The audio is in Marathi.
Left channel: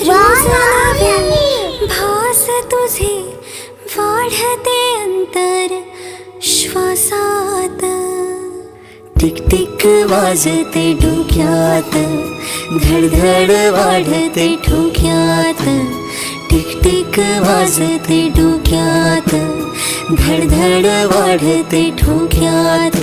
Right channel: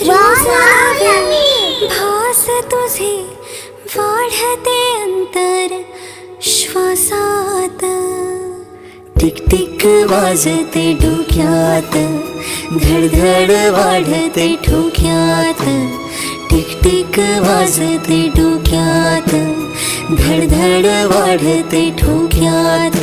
रोज नवे भास तुझे वाढते अंतर श्वासात. टिक टिक वाजते डोक्यात, धडधड वाढते ठोक्यात. टिक टिक वाजते डोक्यात, धडधड वाढते ठोक्यात.